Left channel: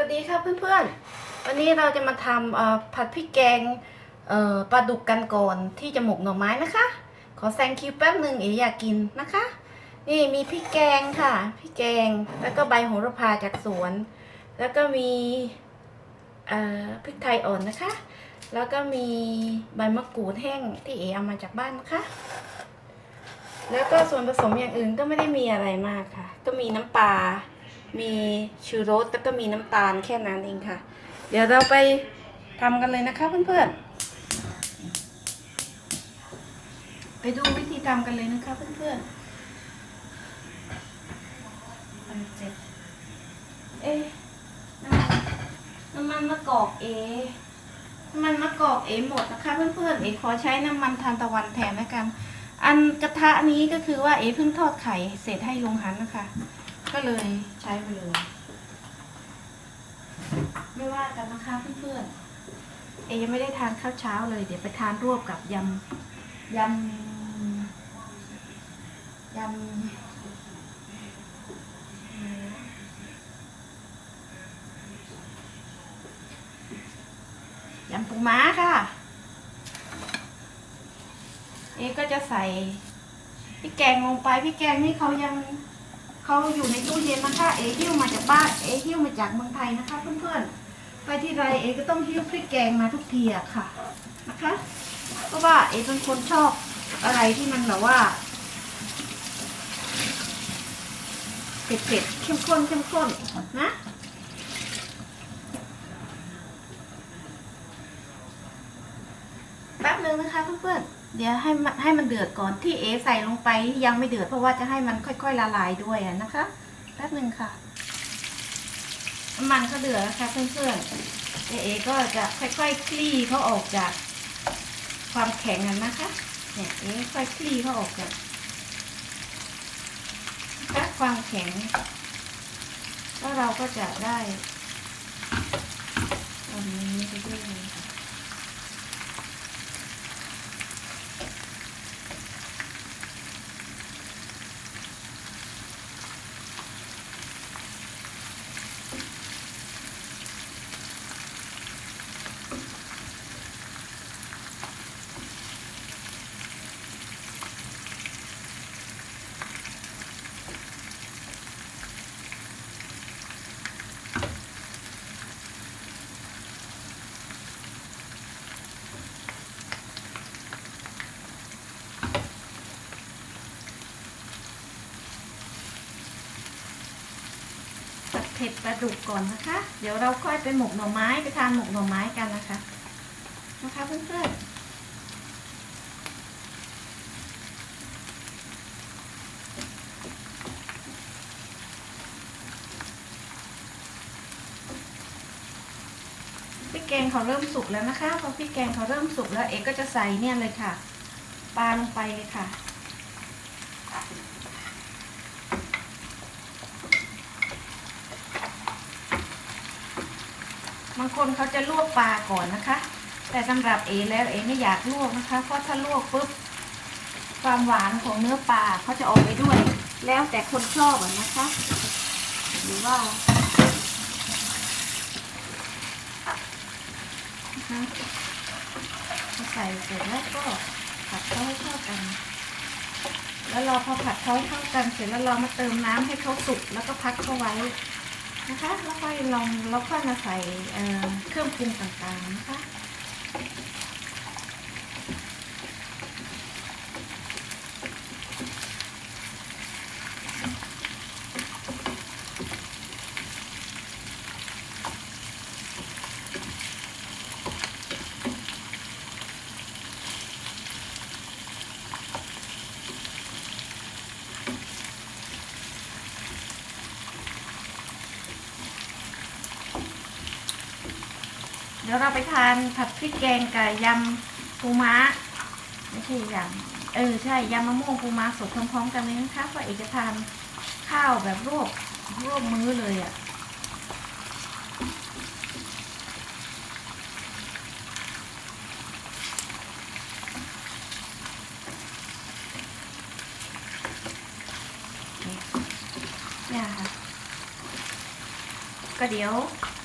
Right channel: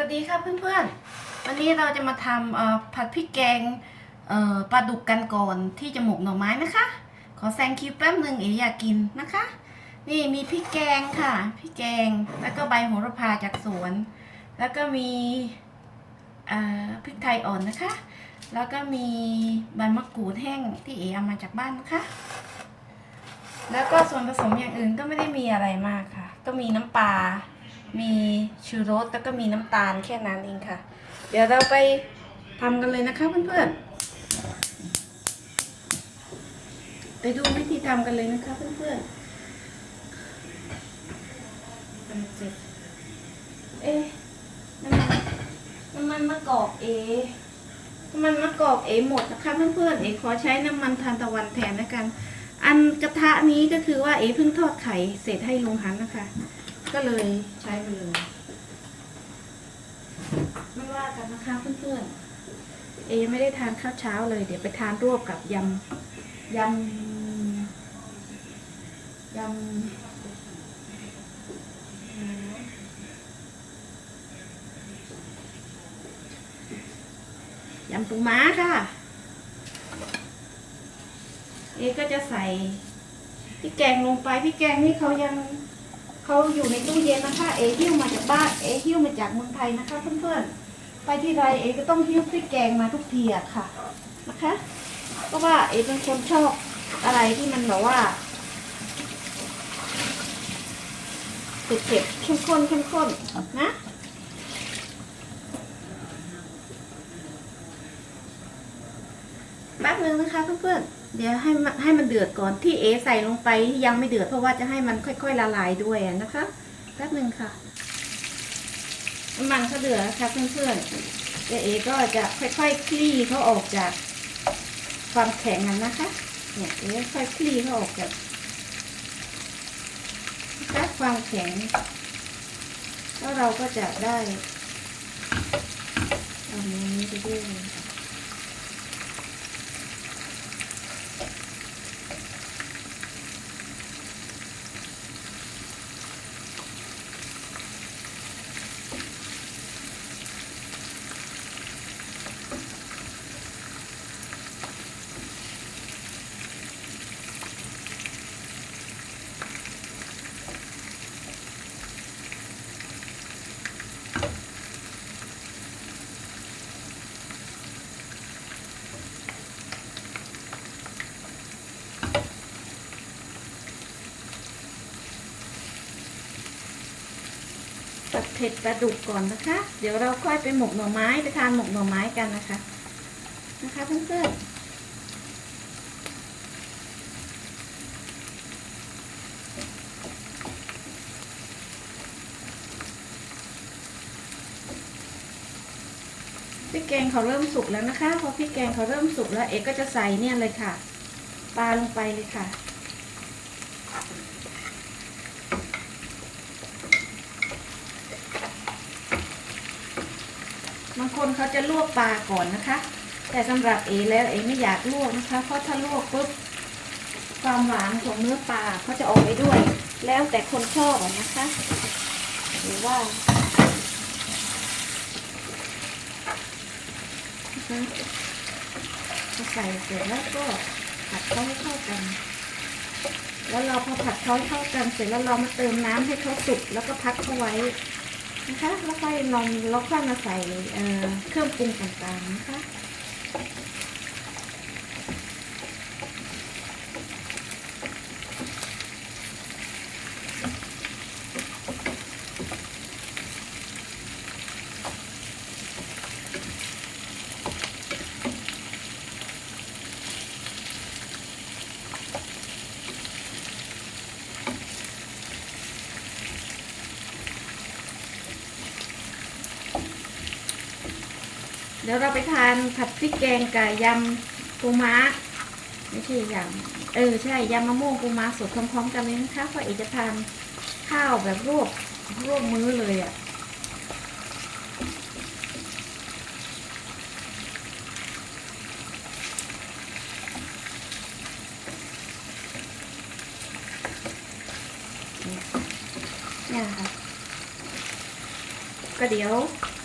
วัสดีค่ะเพื่อนๆ วันนี้เราจะมาทำผัดพริกแกงปลาดุกกันก่อนที่จะหมกหน่อไม้นะคะ ขอแซงคิวแป๊บหนึ่งเอ๋อยากกินนะคะ นี่มีพริกแกงค่ะพริกแกงแล้วก็ใบโหระพาจากสวน แล้วก็มีพริกไทยอ่อนนะคะ แล้วก็มีใบมะกรูดแห้งที่เอ๋เอามาจากบ้านนะคะ แล้วก็ส่วนผสมอย่างอื่นก็ไม่ได้มีอะไรมากค่ะ ก็มีน้ำปลา มีชูรสแล้วก็มีน้ำตาลแค่นั้นเองค่ะ เดี๋ยวเราไปทำกันเลยนะคะเพื่อนๆ ไปดูวิธีทำกันเลยนะคะเพื่อนๆ เอ๊ะน้ำมันน้ำมันมะกอกเอน้ำมันมะกอกเอหมดนะคะเพื่อนๆ เอขอใช้น้ำมันทานตะวันแทนนะกัน อันกระทะนี้ก็คือว่าเอเพิ่งทอดไข่เสร็จให้ลงหันนะคะ ก็เลยใช้ไปเลย ไม่ว่ากันนะคะเพื่อนๆ เอยังไม่ได้ทานข้าวเช้าเลย เดี๋ยวไปทานรวบกับยำยำยำยำปูม้าค่ะ เอก็จะใส่พริกแกงลงไปพริกแกงนี่เขายัง เขาอยู่ในตู้เย็นนะคะ เอหิ้วมาจากบ้าน เอหิ้วมาจากเมืองไทยนะคะ เพื่อนๆ ไปที่ไรเอก็ต้องหิ้วพริกแกงมาทุกทีอะค่ะนะคะ เพราะว่าเอเป็นคนชอบอะไรที่มันแบบว่าเผ็ดๆเข้มข้นเข้มข้นนะแป๊บนึงนะคะเพื่อนๆ เดี๋ยวให้มันให้มันเดือดก่อนที่เอใส่ลงไปยังไม่เดือดเพราะว่าจะให้มันค่อย ๆ ละลายด้วยนะคะแป๊บนึงค่ะน้ำมันก็เดือดแล้วค่ะเพื่อนๆเดี๋ยวเอก็จะค่อยๆคลี่เขาออกจากความแข็งนั้นนะคะเนี่ยเอค่อยคลี่เขาออกจากจากความแข็งแล้วเราก็จะได้ทำอางนี้ไปเรื่อย เผ็ดปลาดุกก่อนนะคะ เดี๋ยวเราค่อยไปหมกหน่อไม้ไปทานหมกหน่อไม้กันนะคะ นะคะเพื่อนๆพริกแกงเขาเริ่มสุกแล้วนะคะ พอพริกแกงเขาเริ่มสุกแล้วเอกก็จะใส่เนี่ยเลยค่ะ ปลาลงไปเลยค่ะ บางคน เขาจะลวกปลาก่อนนะคะ แต่สำหรับเอแล้วเอไม่อยากลวกนะคะ เพราะถ้าลวกปุ๊บความหวานของเนื้อปลาเขาจะออกไปด้วย แล้วแต่คนชอบนะคะ หรือว่าใส่เสร็จแล้วก็ผัดเขาให้เข้ากัน แล้วเราพอผัดเขาให้เข้ากันเสร็จแล้วเรามาเติมน้ำให้เขาสุกแล้วก็พักเขาไว้ นะคะแล้วค่อยลองแล้วค่อยมาใส่เอ่อเครื่องปรุงต่างๆนะคะ ดี๋ยวเราไปทานผัดพริกแกงกับยำปูม้า ไม่ใช่ยำเออใช่ยำมะม่วงปูม้าสดพร้อมๆกันเลยนะคะเพราะเอกจะทานข้าวแบบรวบรวบมื้อเลยอะ่ะเนี่ยค่ะก็เดี๋ยว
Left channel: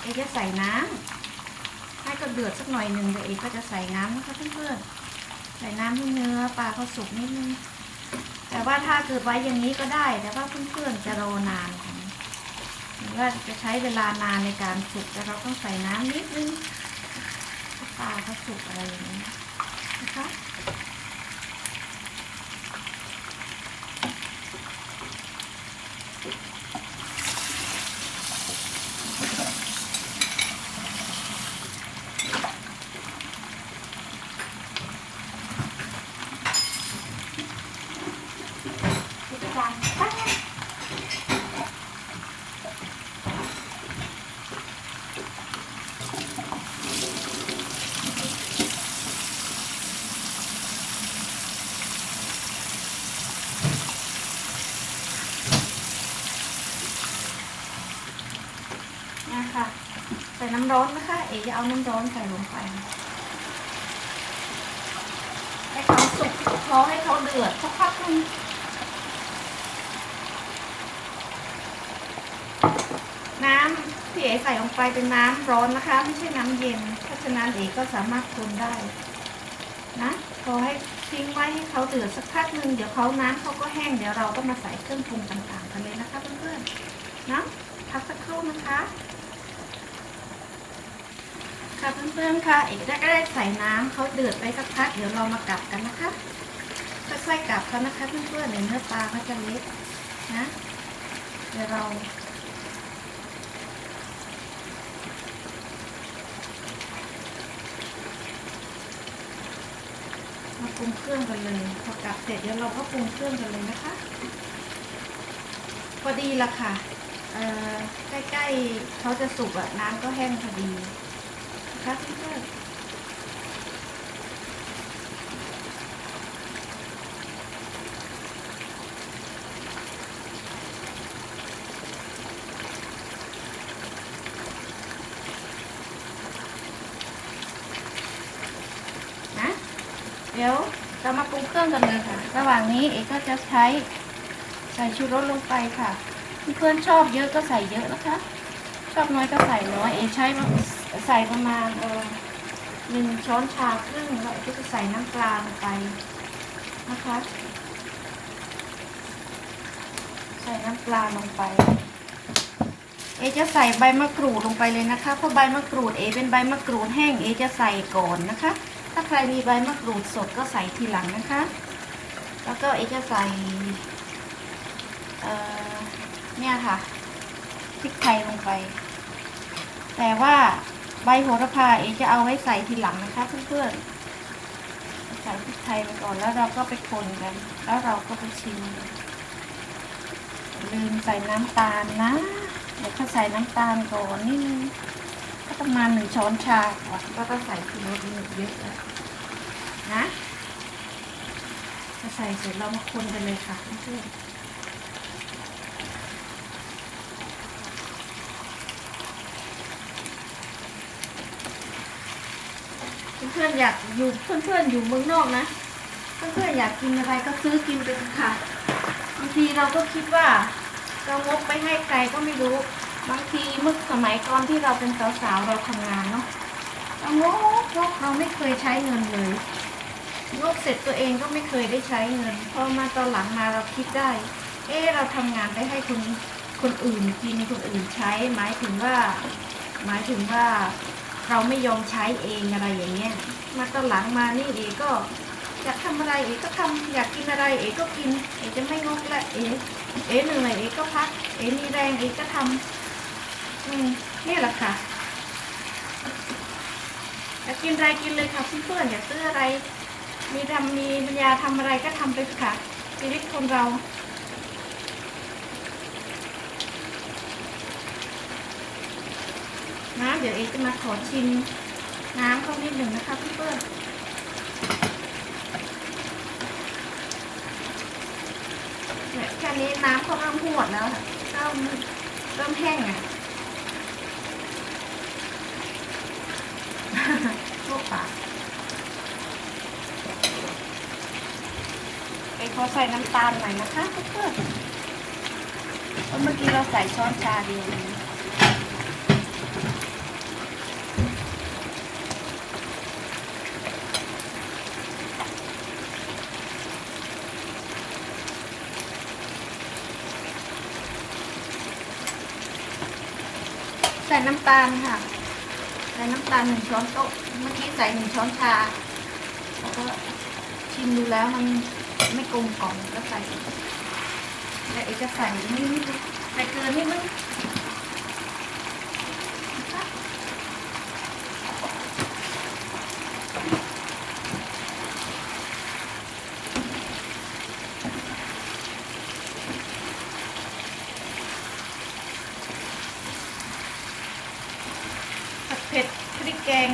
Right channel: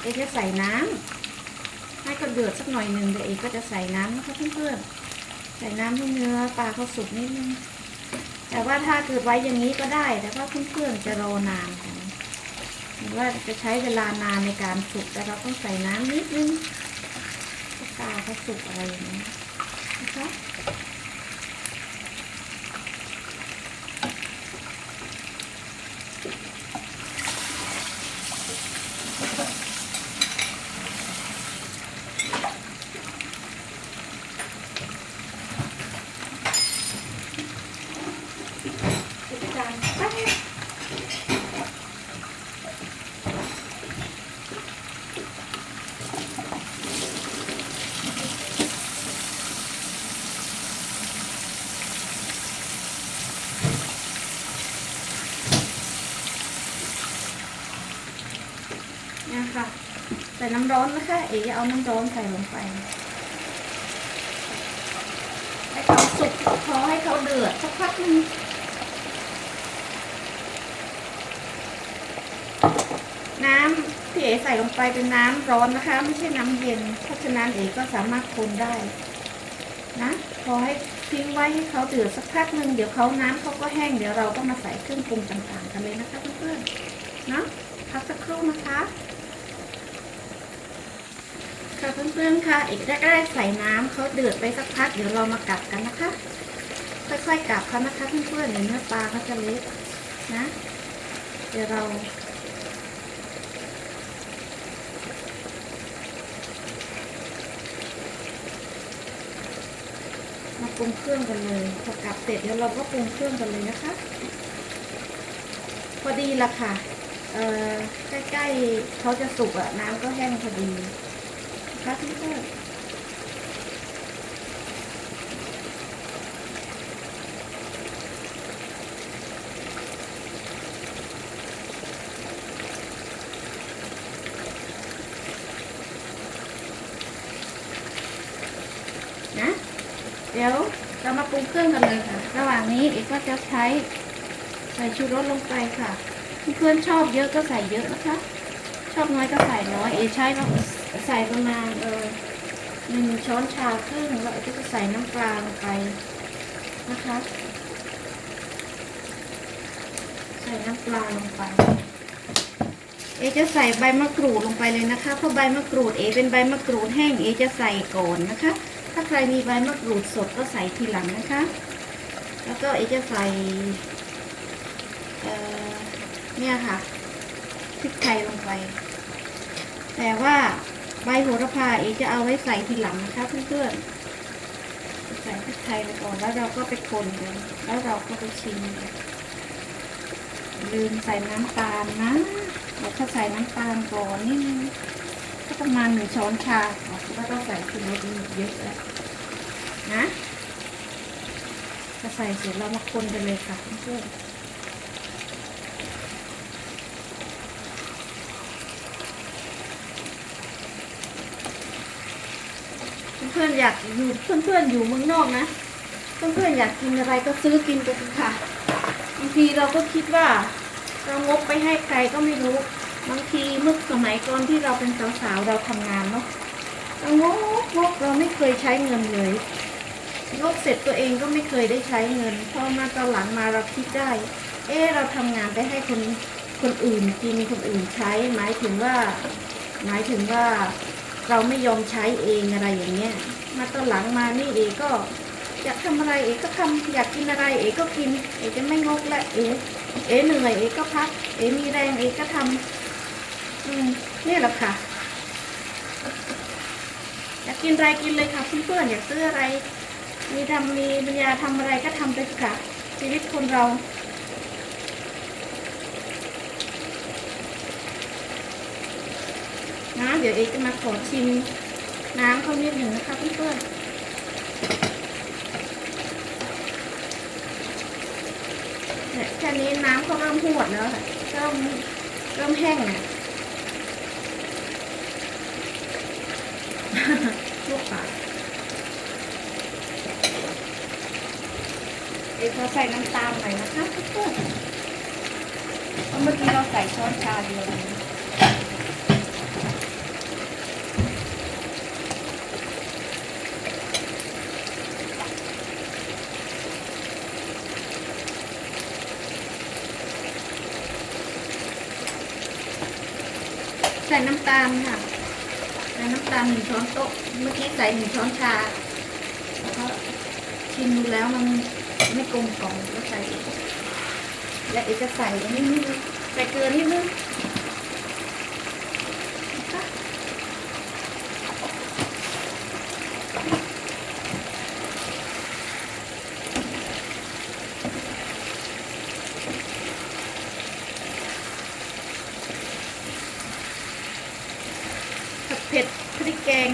เอกจะใส่น้ำ ให้ก็เดือดสักหน่อยหนึ่งเดี๋ยวเอกก็จะใส่น้ำนะคะเพื่อนๆใส่น้ำให้เนื้อปลาเขาสุกนิดนึงแต่ว่าถ้าเกิดไว้อย่างนี้ก็ได้แต่ว่าเพื่อนๆจะรอนานค่ะหรือว่าจะใช้เวลานานในการสุกแต่เราต้องใส่น้ำนิดนึงปลาเขาสุกอะไรอย่างนี้นะคะ นี่ค่ะใส่น้ำร้อนนะคะ เอ๋เอาน้ำร้อนใส่ลงไปให้เขาสุกพอให้เขาเดือดสักพักหนึงน้ำที่เอ๋ใส่ลงไปเป็นน้ำร้อนนะคะ ไม่ใช่น้ำเย็น เพราะฉะนั้นเอ๋ก็สามารถคนได้นะพอให้ทิ้งไว้ให้เขาเดือดสักพักหนึ่งเดี๋ยวเขาน้ำเขาก็แห้งเดี๋ยวเราก็มาใส่เครื่องปรุงต่างๆกันเลยนะคะเพื่อนๆนะพักสักครู่นะคะ ค่ะเพื่อนๆค่ะเอกจะได้ใส่น้ำเขาเดือดไปสักพักเดี๋ยวเรามากลับกันนะคะค่อยๆกลับเขานะคะเพื่อนๆเดี๋ยวเนื้อปลาเขาจะเละนะ เดี๋ยวเรามาปรุงเครื่องกันเลยพอกลับเสร็จเดี๋ยวเราก็ปรุงเครื่องกันเลยนะคะ พอดีละค่ะเอ่อใกล้ๆเขาจะสุกอะน้ำก็แห้งพอดี นะคะเพื่อนะ เดี๋ยวเรามาปรุงเครื่องกันเลยค่ะ ระหว่างนี้เอกก็จะใช้ใส่ชูรสลงไปค่ะเพื่อนชอบเยอะก็ใส่เยอะนะคะ ชอบน้อยก็ใส่น้อย เอใช้ ใส่ประมาณเออหนึ่งช้อนชาครึ่งแล้วเอกก็จะใส่น้ำปลาลงไปนะคะ ใส่น้ำปลาลงไปเอจะใส่ใบมะกรูดลงไปเลยนะคะเพราะใบมะกรูดเอเป็นใบมะกรูดแห้งเอจะใส่ก่อนนะคะ ถ้าใครมีใบมะกรูดสดก็ใส่ทีหลังนะคะ แล้วก็เอจะใส่เอ่อเนี่ยค่ะพริกไทยลงไป แต่ว่า ใบโหระพาเอจะเอาไว้ใส่ทีหลังนะคะเพื่อนๆใส่พริกไทยไปก่อนแล้วเราก็ไปคนกัน แล้วเราก็ไปชิมลืมใส่น้ำตาลนะเดี๋ยวถ้าใส่น้ำตาลก่อนนี่ก็ประมาณหนึ่งช้อนชาค่ะแล้วก็ใส่ทีละนิดเยอะแล้วนะจะใส่เสร็จเรามาคนกันเลยค่ะเพื่อน พื่อนๆอยากอยู่เพื่อนๆอยู่เมืองนอกนะ เพื่อนๆอยากกินอะไรก็ซื้อกินไปเถอะค่ะบางทีเราก็คิดว่า เรางบไปให้ใครก็ไม่รู้บางทีเมื่อสมัยก่อนที่เราเป็นสาวๆเราทำงานเนาะเรางกงกเราไม่เคยใช้เงินเลยงกเสร็จตัวเองก็ไม่เคยได้ใช้เงินพอมาตอนหลังมาเราคิดได้ เออเราทำงานไปให้คนคนอื่นกินคนอื่นใช้ หมายถึงว่า หมายถึงว่า เราไม่ยอมใช้เองอะไรอย่างเงี้ย มาตอนหลังมานี่เอก็อยากทำอะไรเอ๋ก็ทำอยากกินอะไรเอ๋ก็กินเอ๋จะไม่งกละเอ๋เอ๋เหนื่อยเอ๋ก็พักเอ๋มีแรงเอ๋ก็ทำอืมนี่แหละค่ะอยากกินอะไรกินเลยค่ะเพื่อนๆอยากซื้ออะไร มีทำมีปัญญาทำอะไรก็ทำไปค่ะชีวิตคนเรา นะเดี๋ยวเอ๋จะมาขอชิมน้ำเขานิดหนึ่งนะคะเพื่อนๆแค่นี้น้ำเขาเริ่มหวดแล้วเริ่มเริ่มแห้งอะลูกปากไอ้เขาใส่น้ำตาลหน่อยนะคะเพื่อนๆเพราะเมื่อกี้เราใส่ช้อนชาเดียวเอง ส่น้ำตาลค่ะใส่น้ำตาลหนึ่งช้อนโต๊ะเมื่อกี้ใส่หนึ่งช้อนชาแล้วก็ชิมดูแล้วมันไม่กลมกล่อมก็ใส่อีกและอีกจะใส่นิดนึงใส่เกลือนิดนึงนะคะ ผัดเผ็ดพริกแกง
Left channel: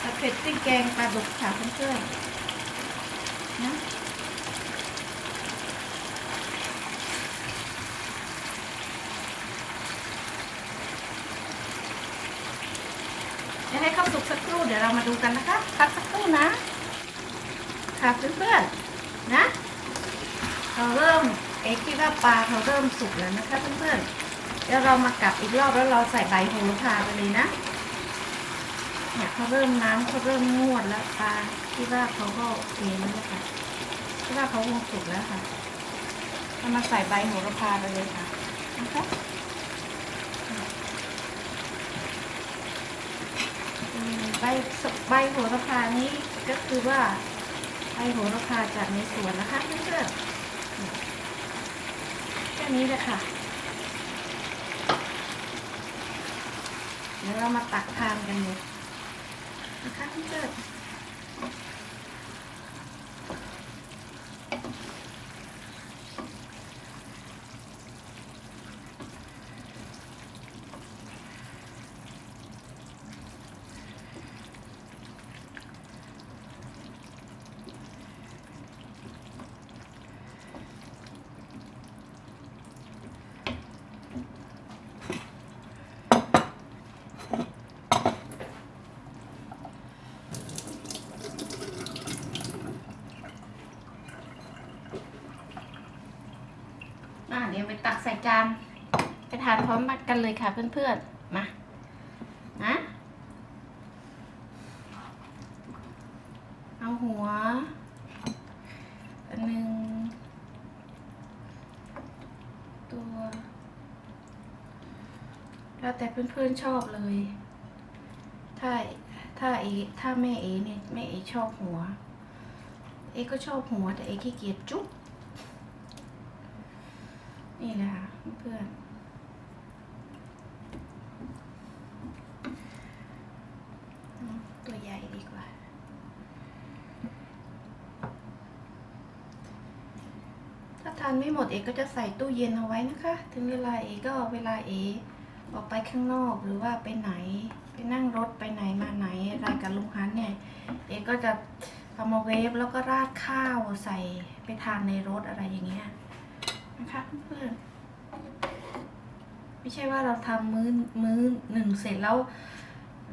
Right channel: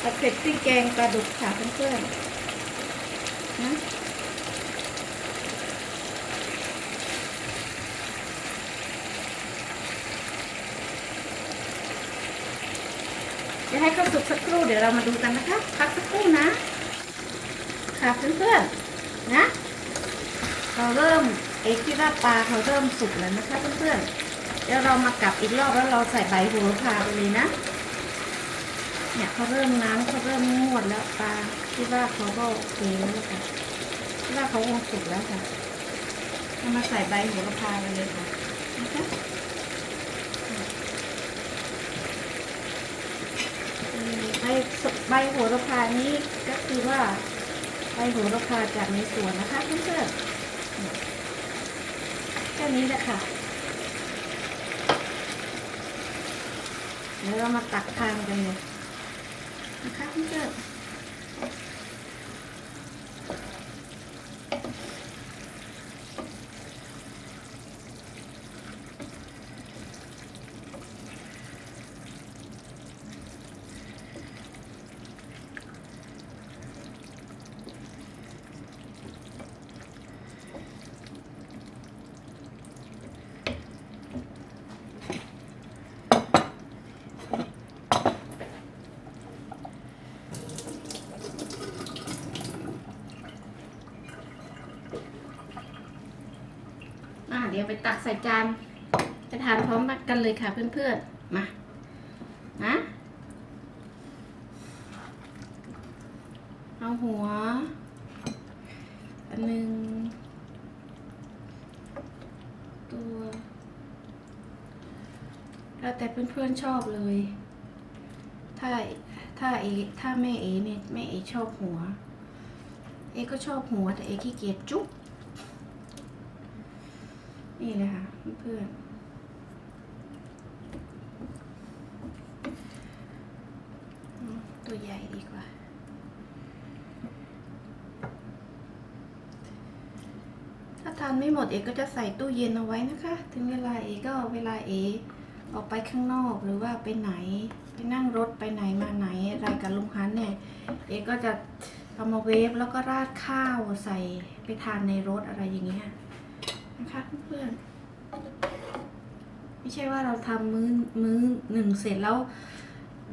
ผัดเผ็ดพริกแกง ปลาดุกค่ะเพื่อนๆนะเดี๋ยวให้เข้าสุกสักครู่เดี๋ยวเรามาดูกันนะคะพักสักครู่นะ ค่ะเพื่อนๆนะ เราเริ่มเอ็กคิดว่าปลาเขาเริ่มสุกแล้วนะคะเพื่อนๆเดี๋ยวเรามากลับอีกรอบแล้วเราใส่ใบโหระพาไปเลยนะ เนี่ยเขาเริ่มน้ำเขาเริ่มงวดแล้วปลาที่ว่าเขาก็โอเคแล้วล่ะค่ะที่ว่าเขาคงสุกแล้วค่ะเรามาใส่ใบโหระพาเลยค่ะนะคะอืมใบใบโหระพานี้ก็คือว่าใบโหระพาจากในสวนนะคะเพื่อนๆแค่นี้แหละค่ะเดี๋ยวเรามาตักทานกันเลย นะคะ เดี๋ยวไปตักใส่จานไปทานพร้อมกันเลยค่ะเพื่อนๆ มานะเอาหัวอันหนึ่งตัวแล้วแต่เพื่อนๆชอบเลย ถ้าถ้าเอถ้าแม่เอเนี่ยแม่เอชอบหัว เอก็ชอบหัวแต่เอขี้เกียจจุ๊บ นี่เลยค่ะเพื่อนตัวใหญ่ดีกว่า ถ้าทานไม่หมดเอกก็จะใส่ตู้เย็นเอาไว้นะคะ ถึงเวลาเอกก็เวลาเอออกไปข้างนอกหรือว่าไปไหน ไปนั่งรถไปไหนมาไหนอะไรกับลุงฮันเนี่ยเอกก็จะเอามาเวฟแล้วก็ราดข้าวใส่ไปทานในรถอะไรอย่างเงี้ย นะคะเพื่อนๆไม่ใช่ว่าเราทำมื้อมื้อหนึ่งเสร็จแล้ว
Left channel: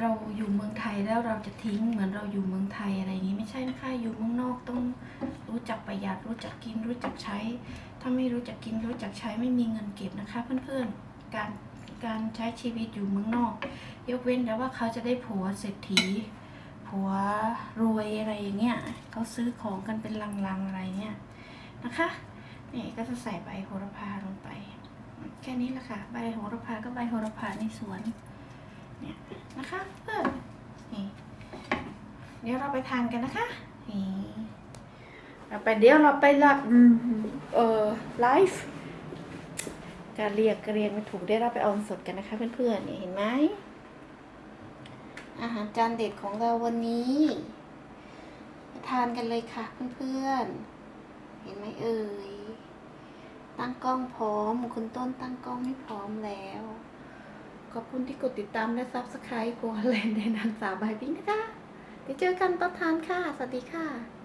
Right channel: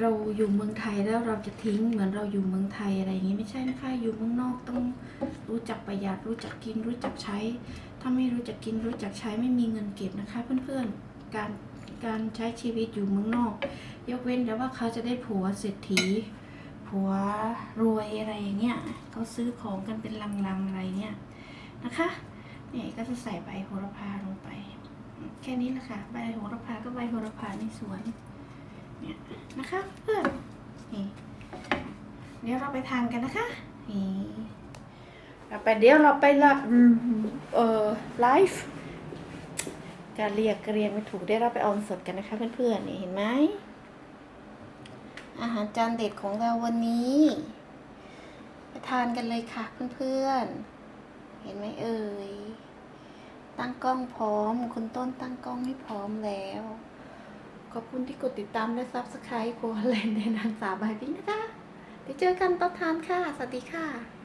เราอยู่เมืองไทยแล้วเราจะทิ้งเหมือนเราอยู่เมืองไทยอะไรอย่างนี้ไม่ใช่นะคะอยู่เมืองนอกต้องรู้จักประหยัดรู้จักกินรู้จักใช้ ถ้าไม่รู้จักกินรู้จักใช้ไม่มีเงินเก็บนะคะ เพื่อนๆการการใช้ชีวิตอยู่เมืองนอก ยกเว้นแต่ว่าเขาจะได้ผัวเศรษฐีผัวรวยอะไรอย่างเงี้ยเขาซื้อของกันเป็นลังๆอะไรเงี้ยนะคะ เนี่ยก็จะใส่ใบโหระพาลงไป แค่นี้แหละค่ะ ใบโหระพาก็ใบโหระพาในสวน เนี่ยนะคะเพื่อนนี่ เดี๋ยวเราไปทานกันนะคะนี่เราไปเดี๋ยวเราไปละเอ่อไลฟ์การเรียกเรียนไม่ถูกได้เราไปออนสดกันนะคะเพื่อนๆนี่เห็นไหมอาหารจานเด็ดของเราวันนี้ทานกันเลยค่ะเพื่อนๆ เห็นไหมเอ่ย ตั้งกล้องพร้อม คุณต้นตั้งกล้องให้พร้อมแล้ว ขอบคุณที่กดติดตามและซับสไครต์ครัวแลนด์ในนางสาวบายพิงนะคะเดี๋ยวเจอกันตอนทานค่ะ สวัสดีค่ะ